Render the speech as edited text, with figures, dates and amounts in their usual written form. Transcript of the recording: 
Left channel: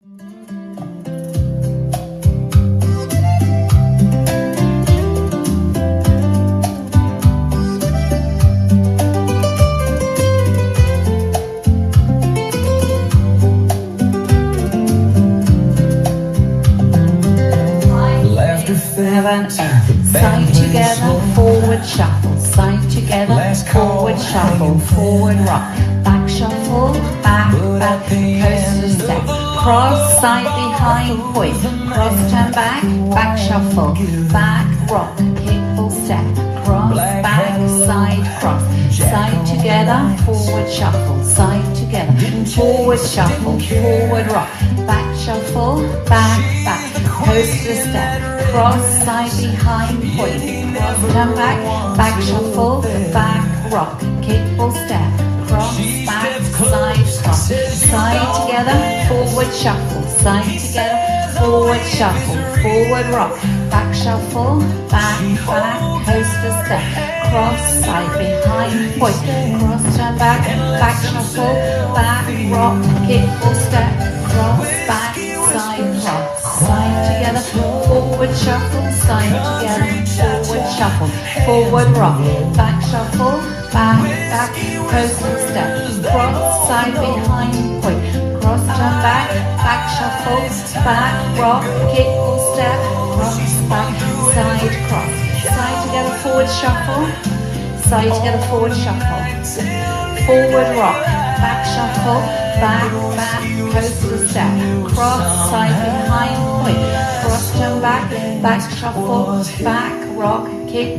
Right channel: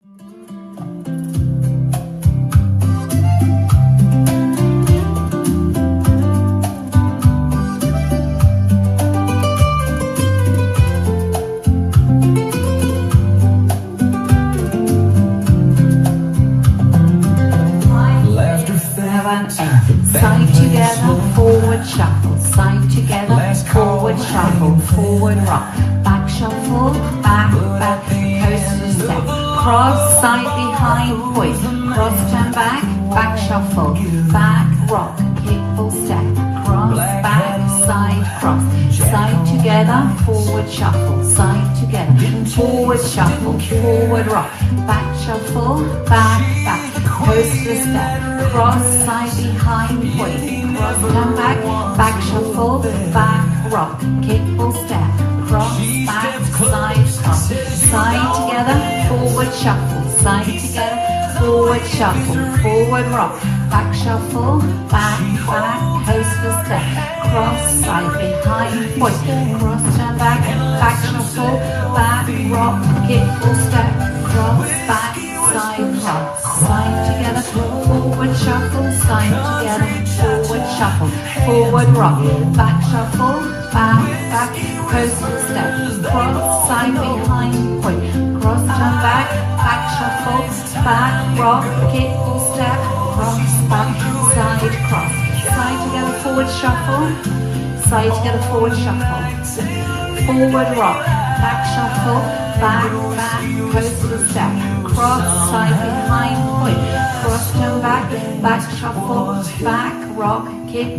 Side together, forward shuffle. Side together, forward shuffle. Forward rock. Back shuffle, back, back. Coaster step. Cross, side behind, point. Cross, turn back, back shuffle. Back rock, kick full step. Cross, back, side, cross. Side together, forward shuffle. Side together, forward shuffle. Forward rock. Back shuffle, back, back. Coaster step. Cross, side behind, point. Cross, turn back, back shuffle, back rock. Kick full step. Cross, back, side, cross. Side together, forward shuffle. Side together, forward shuffle. Forward rock. Back shuffle, back, back. Coaster step. Cross, side behind, point. Cross, turn back, back shuffle, back rock. Kick full step. Cross, back, side, cross. Side together, forward shuffle, side together, forward shuffle, forward rock, back shuffle, back, back, coaster step, cross, side behind, point, cross, turn back, back shuffle, back, rock, kick, full step, cross, back, side, cross, side together, forward shuffle, side together, forward shuffle, forward rock, back shuffle, back, back, coaster step, cross, side behind, point, cross, turn back, back shuffle, back, rock, kick,